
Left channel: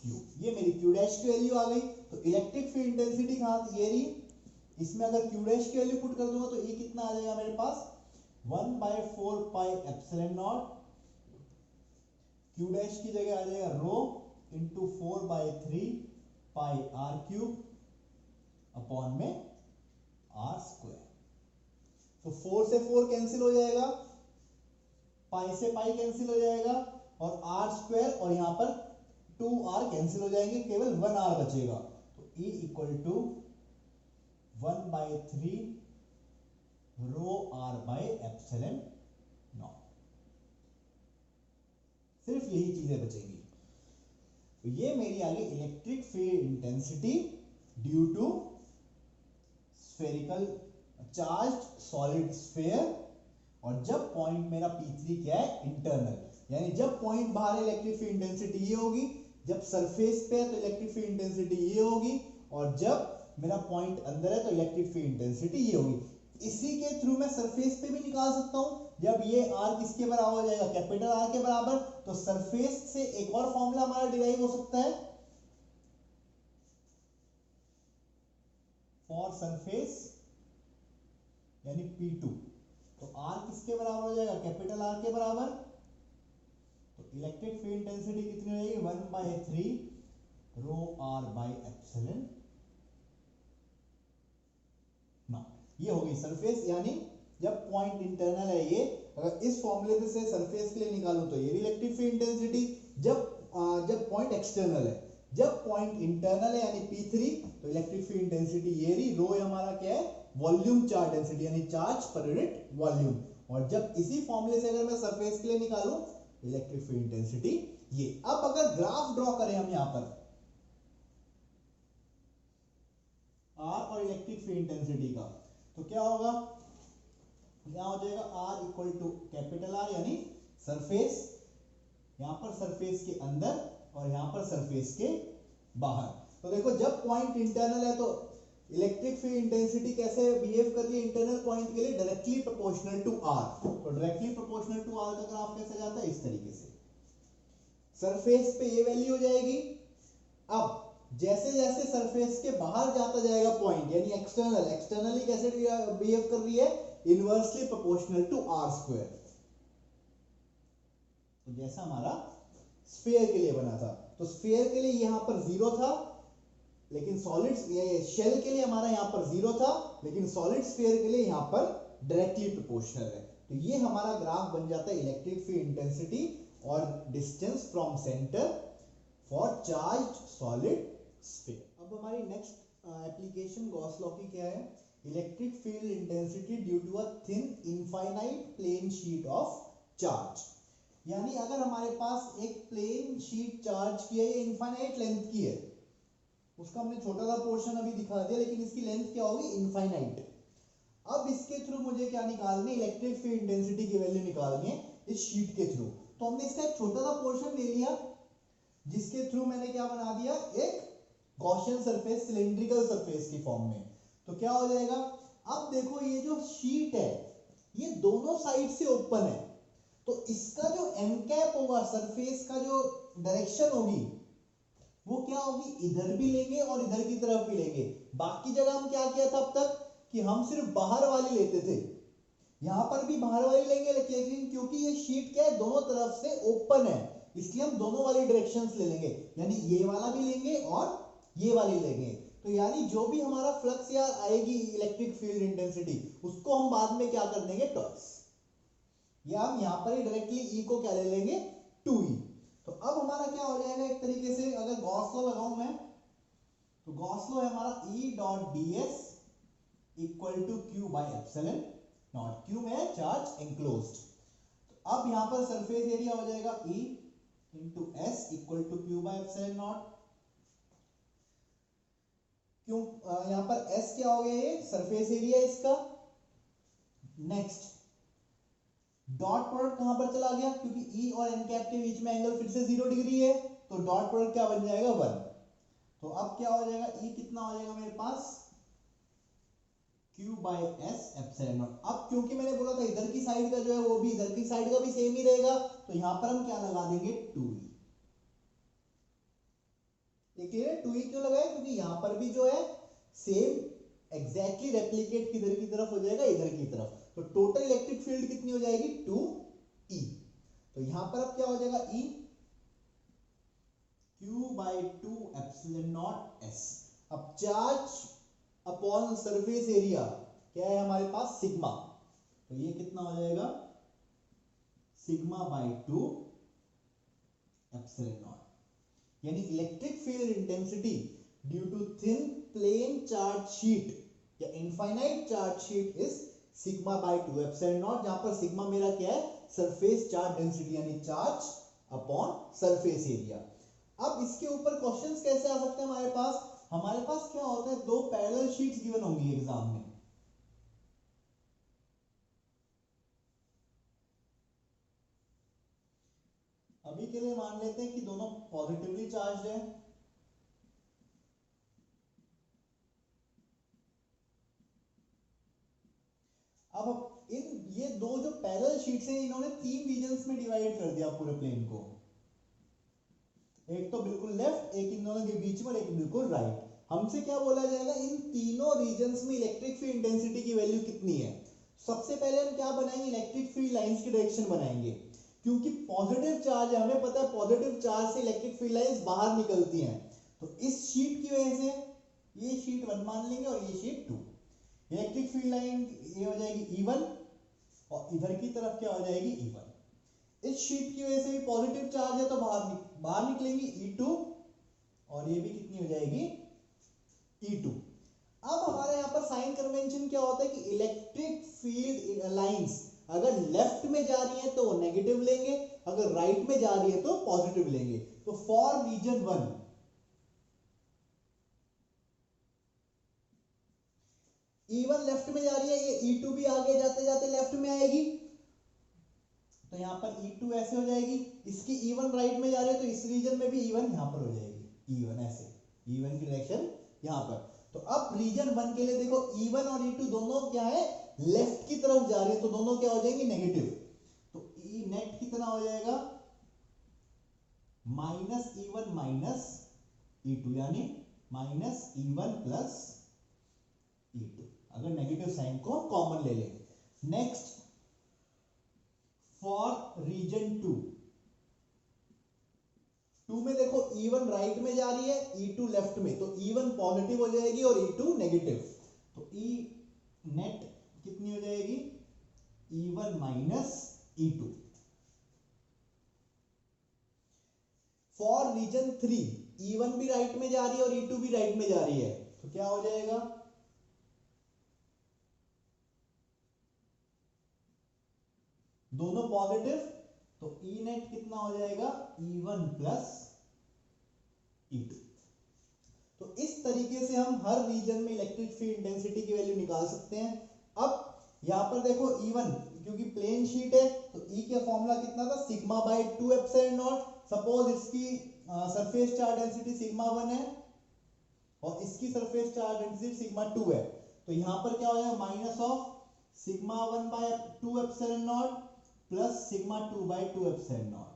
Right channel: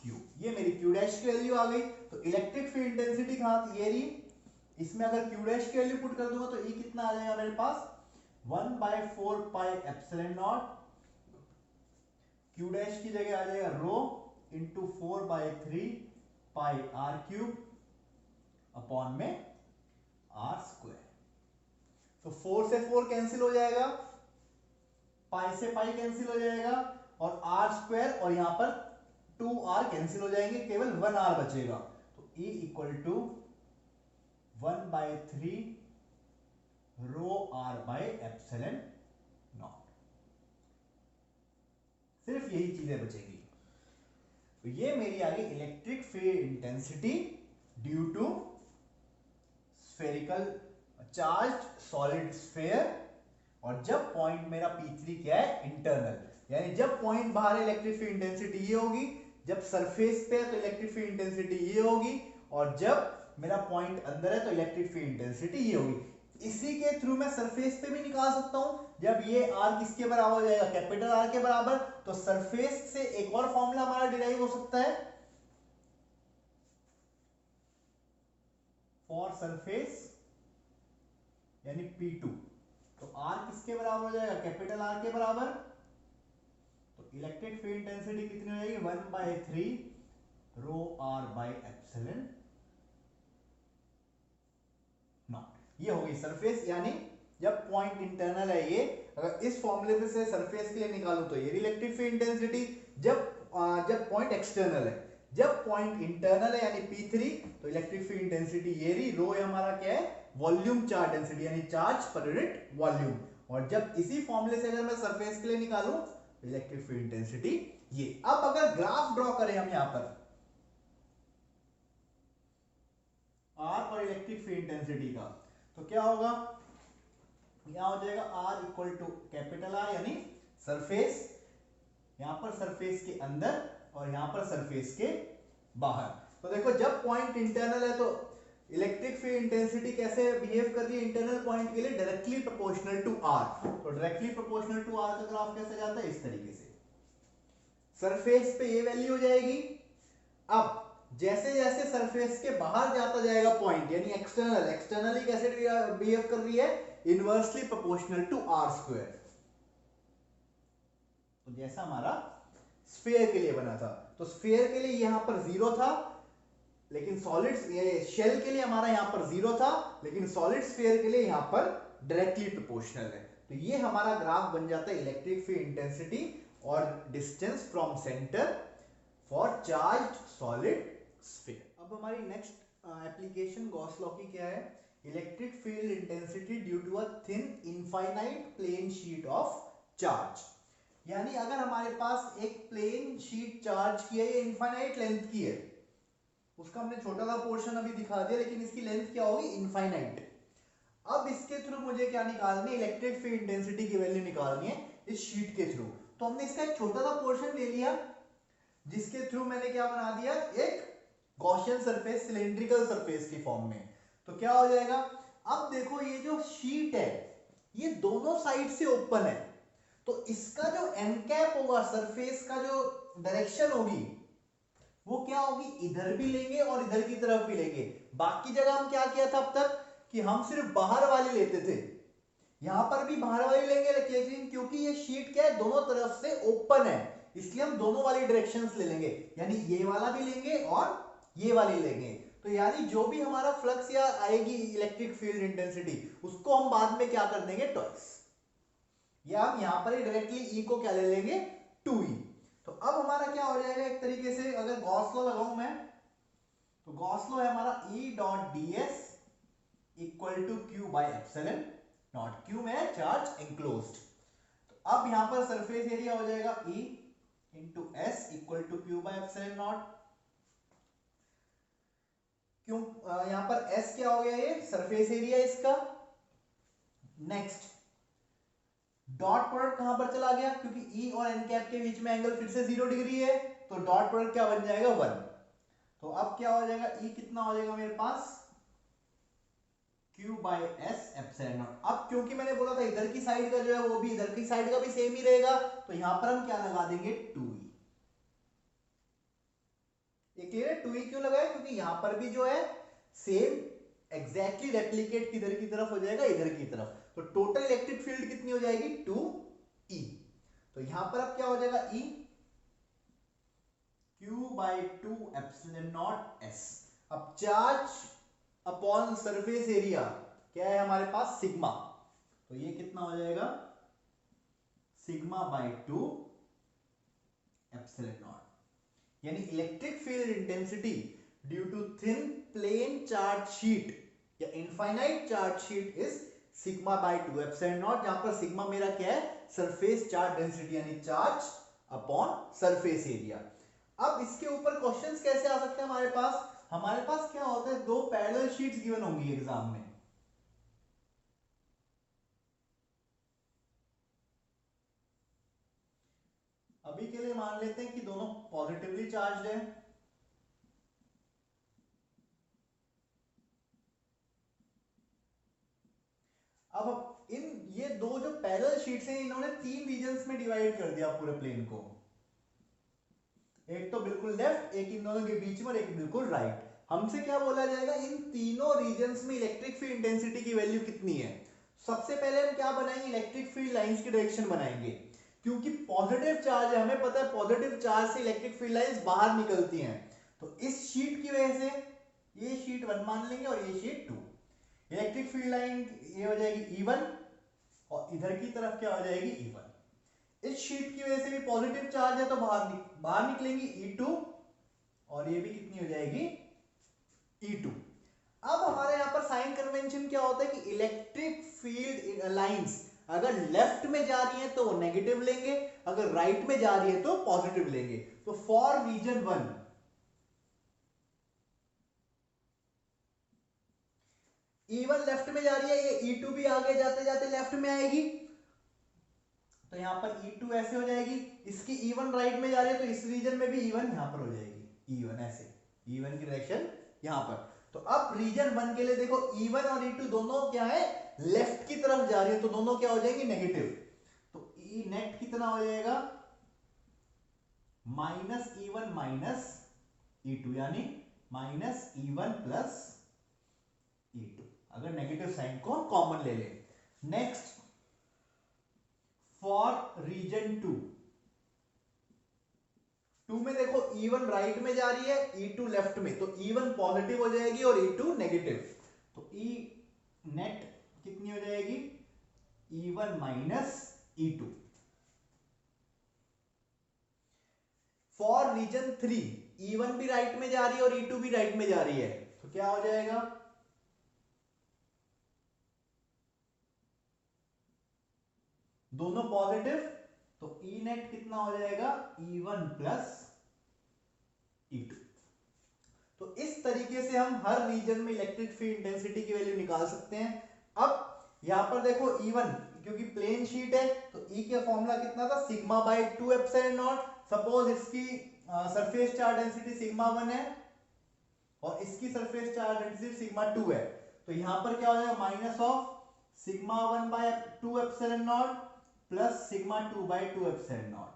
cube. ये मेरी क्यू डैश की वैल्यू आ गई। तो इलेक्ट्रिक फील्ड इंटेंसिटी कहां, ये रही, इसमें अगर क्यू डैश की वैल्यू पुट कर दूंगा तो ये कितना आ जाएगा मेरे पास, 1/4 pi epsilon naught, Q dash की जगह आ जाएगा rho into 4/3 pi R cube upon में आर स्क्वायर। तो 4 से 4 कैंसिल हो जाएगा, पाई से पाई कैंसिल हो जाएगा, और आर स्क्वायर और यहां पर 2r कैंसिल हो जाएंगे, केवल 1r बचेगा। तो E equal to 1/3 rho r by epsilon naught. सिर्फ यही चीजें बचेंगी। तो ये मेरी आ गई electric field intensity due to spherical charged solid sphere. और जब पॉइंट मेरा P3 क्या है, इंटरनल, यानी जब पॉइंट बाहर इलेक्ट्रिक फील्ड इंटेंसिटी ये होगी, जब सरफेस पे है तो इलेक्ट्रिक फील्ड इंटेंसिटी ये होगी, और जब मेरा पॉइंट अंदर है तो इलेक्ट्रिक फील्ड इंटेंसिटी ये होगी। इसी के थ्रू मैं सरफेस पे भी निकाल सकता हूं। जब ये r किसके बराबर हो जाएगा, कैपिटल R के बराबर, तो सरफेस से एक और फॉर्मूला हमारा डिराइव हो सकता है, फॉर सरफेस यानी P2। तो R किसके बराबर हो जाएगा, कैपिटल R के बराबर। तो इलेक्ट्रिक फील्ड इंटेंसिटी कितनी हो जाएगी, 1/3 rho r by epsilon not. ये होगी सरफेस, यानी जब पॉइंट इंटरनल है ये, अगर इस फॉर्मूले से सरफेस के लिए निकालूं तो ये इलेक्ट्रिक फील्ड इंटेंसिटी। जब पॉइंट एक्सटर्नल है, जब पॉइंट इंटरनल है यानी P3, तो इलेक्ट्रिक फील्ड इंटेंसिटी ये रही, रो हमारा क्या है, वॉल्यूम चार्ज डेंसिटी यानी चार्ज पर यूनिट वॉल्यूम। और जब इसी फॉर्मूले से अगर मैं सरफेस के लिए निकालूं तो इलेक्ट्रिक फील्ड इंटेंसिटी ये। अब अगर ग्राफ ड्रॉ करें हम यहां पर R और इलेक्ट्रिक फील्ड इंटेंसिटी का, तो क्या होगा, यहां हो जाएगा R equal to capital R यानी सरफेस, यहां पर सरफेस के अंदर और यहां पर सरफेस के बाहर। तो देखो जब पॉइंट इंटरनल है तो इलेक्ट्रिक फील्ड इंटेंसिटी कैसे बिहेव कर रही है इंटरनल पॉइंट के लिए, डायरेक्टली प्रोपोर्शनल टू R। तो डायरेक्टली प्रोपोर्शनल टू R का ग्राफ कैसे जाता है, इस तरीके से, सरफेस पे ये वैल्यू हो जाएगी। अब जैसे जैसे सरफेस के बाहर जाता जाएगा पॉइंट, यानी एक्सटर्नली कैसे बिहेव कर रही है, inversely proportional to R square. तो जैसा हमारा स्फीयर के लिए बना था, तो स्फीयर के लिए यहां पर 0 था, लेकिन सॉलिड शेल के लिए हमारा यहां पर 0 था, लेकिन सॉलिड स्फीयर के लिए यहां पर डायरेक्टली प्रोपोर्शनल है। तो ये हमारा ग्राफ बन जाता है इलेक्ट्रिक फील्ड इंटेंसिटी और distance from centre for charged solid sphere. अब हमारी नेक्स्ट एप्लीकेशन गॉस लॉ की क्या है, electric field intensity due to a thin infinite plane sheet of charge. यानी अगर हमारे पास एक प्लेन शीट चार्ज की है, ये इनफाइनाइट लेंथ की है, उसका हमने छोटा सा पोर्शन अभी दिखा दिया, लेकिन इसकी लेंथ क्या होगी, इनफाइनाइट। अब इसके थ्रू मुझे क्या निकालनी है, इलेक्ट्रिक फील्ड इंटेंसिटी की वैल्यू निकालनी है इस शीट के थ्रू। तो हमने इसका एक छोटा सा पोर्शन ले लिया, जिसके थ्रू मैंने क्या बना दिया, एक गॉसियन सरफेस सिलेंड्रिकल सरफेस की फॉर्म में। तो क्या हो जाएगा, अब देखो ये जो शीट है ये दोनों साइड से ओपन है, तो इसका जो एन कैप होगा, सरफेस का जो डायरेक्शन होगी वो क्या होगी, इधर भी लेंगे और इधर की तरफ भी लेंगे। बाकी जगह हम क्या किया था अब तक कि हम सिर्फ बाहर वाली लेते थे, यहां पर भी बाहर वाली लेंगे, लेकिन क्योंकि ये शीट क्या है, दोनों तरफ से ओपन है, इसलिए हम दोनों वाली डायरेक्शंस ले लेंगे, यानी ये वाला भी लेंगे और ये वाली लेंगे। तो यानी जो भी हमारा फ्लक्स या आएगी इलेक्ट्रिक फील्ड इंटेंसिटी, उसको हम बाद में क्या कर देंगे, ट्वाइस, या हम यहां पर ही डायरेक्टली ई को क्या ले लेंगे, 2e। तो अब हमारा क्या हो जाएगा, एक तरीके से अगर गॉस लॉ लगाऊं मैं, तो गॉस लॉ है हमारा E dot ds equal to Q by epsilon naught, Q में चार्ज इंक्लोज्ड। तो अब यहां पर सरफेस एरिया हो जाएगा E into S equal to Q by epsilon naught. क्यों यहां पर S क्या हो गया, ये सरफेस एरिया इसका। नेक्स्ट डॉट प्रोडक्ट कहां पर चला गया, क्योंकि E और n कैप के बीच में एंगल फिर से 0 डिग्री है, तो डॉट प्रोडक्ट क्या बन जाएगा, 1। तो अब क्या हो जाएगा, E कितना हो जाएगा मेरे पास, Q by S epsilon not. अब क्योंकि मैंने बोला था इधर की साइड का जो है वो भी इधर की साइड का भी सेम ही रहेगा, तो यहां पर हम क्या लगा देंगे, 2e। ये क्लियर है, 2e क्यों लगाया, क्योंकि यहां पर भी जो है सेम एग्जैक्टली रेप्लिकेट किधर की तरफ हो जाएगा, इधर की तरफ। तो टोटल इलेक्ट्रिक फील्ड कितनी हो जाएगी, 2e। तो यहां पर अब क्या हो जाएगा, E Q by 2 epsilon naught s। अब चार्ज अपॉन सरफेस एरिया क्या है हमारे पास, सिग्मा। तो ये कितना हो जाएगा, सिग्मा बाय 2 एप्सिलॉन नॉट। यानी electric field intensity due to thin plane charge sheet या infinite charge sheet is sigma by 2 epsilon naught, जहां पर सिग्मा मेरा क्या है, सरफेस चार्ज डेंसिटी यानी चार्ज अपॉन सरफेस एरिया। अब इसके ऊपर क्वेश्चंस कैसे आ सकते हैं हमारे पास क्या होता है, दो पैरेलल शीट्स गिवन होंगी एग्जाम में। अभी के लिए मान लेते हैं कि दोनों पॉजिटिवली चार्ज्ड है। अब ये दो जो पैरेलल शीट्स हैं, इन्होंने 3 रीजन्स में डिवाइड कर दिया पूरे प्लेन को, एक तो बिल्कुल लेफ्ट, एक इन दोनों के बीच में और एक बिल्कुल राइट। हमसे क्या बोला जाएगा, इन तीनों रीजन्स में इलेक्ट्रिक फील्ड इंटेंसिटी की वैल्यू कितनी है। सबसे पहले हम क्या बनाएंगे, इलेक्ट्रिक फील्ड लाइंस की डायरेक्शन बनाएंगे, क्योंकि पॉजिटिव चार्ज है, हमें पता है पॉजिटिव चार्ज से इलेक्ट्रिक फील्ड लाइंस बाहर निकलती हैं। तो इस शीट की वजह से ये शीट 1 मान लेंगे और ये शीट 2। इलेक्ट्रिक फील्ड लाइन ये हो जाएगी E1 और इधर की तरफ क्या हो जाएगी, E1। इस शीट की वजह से भी पॉजिटिव चार्ज है तो बाहर निकलेंगी E2 और ये भी कितनी हो जाएगी, E2। अब हमारे यहां पर साइन कन्वेंशन क्या होता है कि इलेक्ट्रिक फील्ड लाइंस अगर लेफ्ट में जा रही है तो वो नेगेटिव लेंगे, अगर राइट में जा रही है तो पॉजिटिव लेंगे। तो फॉर रीजन 1 E1 लेफ्ट में जा रही है, ये E2 भी आगे जाते जाते लेफ्ट में आएगी, तो यहां पर E2 ऐसे हो जाएगी। इसकी E1 राइट में जा रही है तो इस रीजन में भी E1 यहां पर हो जाएगी, E1 ऐसे, E1 की डायरेक्शन यहां पर। तो अब रीजन 1 के लिए देखो E1 और E2 दोनों क्या है, लेफ्ट की तरफ जा रही है, तो दोनों क्या हो जाएंगे, नेगेटिव। तो E नेट कितना हो जाएगा, माइनस E1 माइनस E2, यानी माइनस E1 प्लस E2, अगर नेगेटिव साइन को कॉमन ले लें। नेक्स्ट फॉर रीजन 2 में देखो E1 राइट में जा रही है, E2 लेफ्ट में, तो E1 पॉजिटिव हो जाएगी और E2 नेगेटिव। तो E नेट कितनी हो जाएगी, E1 minus E2। For reason 3 E1 भी राइट में जा रही है और E2 भी राइट में जा रही है, तो क्या हो जाएगा, दोनों पॉजिटिव, तो E नेट कितना हो जाएगा, E1 प्लस E2। तो इस तरीके से हम हर रीजन में इलेक्ट्रिक फील्ड इंटेंसिटी की वैल्यू निकाल सकते हैं। अब यहाँ पर देखो E1, क्योंकि प्लेन शीट है तो E का फॉर्मूला कितना था, sigma by 2 epsilon not. Suppose इसकी सरफेस चार्ज डेंसिटी सिग्मा 1 है और इसकी सरफेस चार्ज डेंसिटी सिग्मा 2 है, तो यहाँ पर क्या हो जाएगा, minus of sigma 1 by 2 epsilon naught plus sigma 2 by 2 epsilon naught.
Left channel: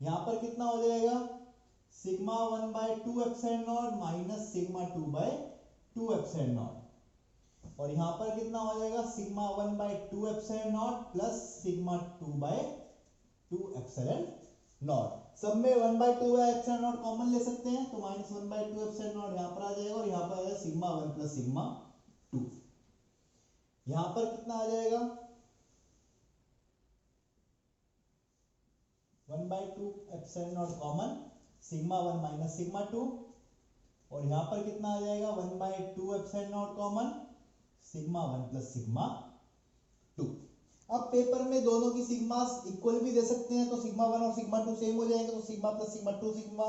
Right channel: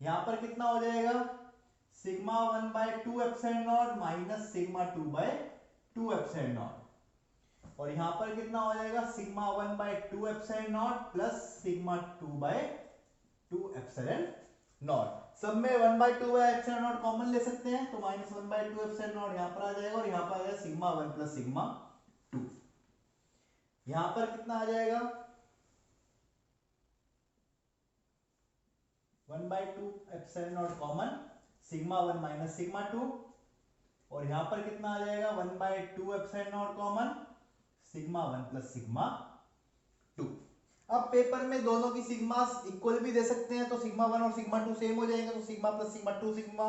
यहाँ पर कितना हो जाएगा, sigma 1 by 2 epsilon naught minus sigma 2 by 2 epsilon naught, और यहां पर कितना हो जाएगा, sigma 1 by 2 epsilon naught plus sigma 2 by 2 epsilon naught. सब में 1 by 2 by epsilon naught common ले सकते हैं, तो माइनस 1 बाय 2 एप्सिलॉन नॉट यहां पर आ जाएगा और यहां पर आ जाएगा सिग्मा 1 प्लस सिग्मा 2। यहां पर कितना आ जाएगा, 1 by 2 epsilon naught common, sigma 1 minus sigma 2, और यहां पर कितना आ जाएगा, 1 by 2 epsilon naught common, sigma 1 plus sigma 2। अब पेपर में दोनों की सिग्मास इक्वल भी दे सकते हैं, तो सिग्मा 1 और सिग्मा 2 सेम हो जाएंगे, तो सिग्मा प्लस सिग्मा 2 सिग्मा,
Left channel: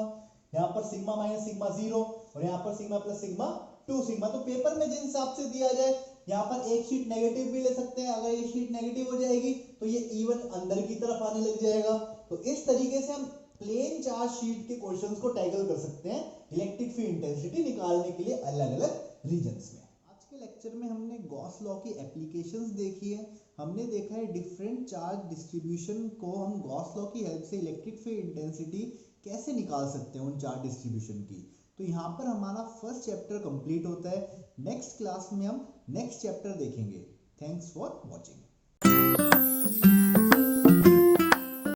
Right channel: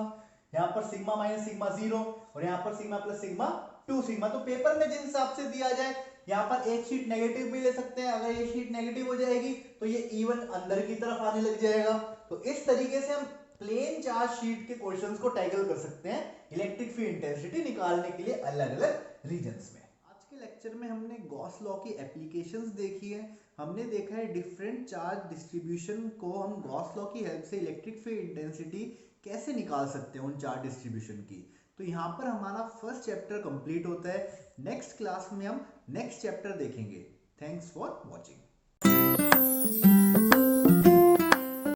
यहाँ पर सिग्मा माइनस सिग्मा 0 और यहाँ पर सिग्मा प्लस सिग्मा 2 सिग्मा। तो पेपर में जिन हिसाब से दिया जाए, यहाँ पर एक शीट नेगेटिव भी ले सकते हैं, अगर ये शीट नेगेटिव हो जाएगी तो ये E1 अंदर की तरफ आने लग जाएगा। तो इस तरीके से हम प्लेन चार्ज शीट के क्वेश्चंस को टैकल कर सकते हैं इलेक्ट्रिक फील्ड इंटेंसिटी निकालने के लिए अलग अलग रीजन्स में। आज के लेक्चर में हमने गॉस लॉ की एप्लीकेशंस देखी है। हमने देखा है डिफरेंट चार्ज डिस्ट्रीब्यूशन को हम गॉस लॉ की हेल्प से इलेक्ट्रिक फील्ड इंटेंसिटी कैसे निकाल सकते हैं उन चार्ज डिस्ट्रीब्यूशन की। तो यहाँ पर हमारा फर्स्ट चैप्टर कंप्लीट होता है। नेक्स्ट क्लास में हम नेक्स्ट चैप्टर देखेंगे। Thanks for watching.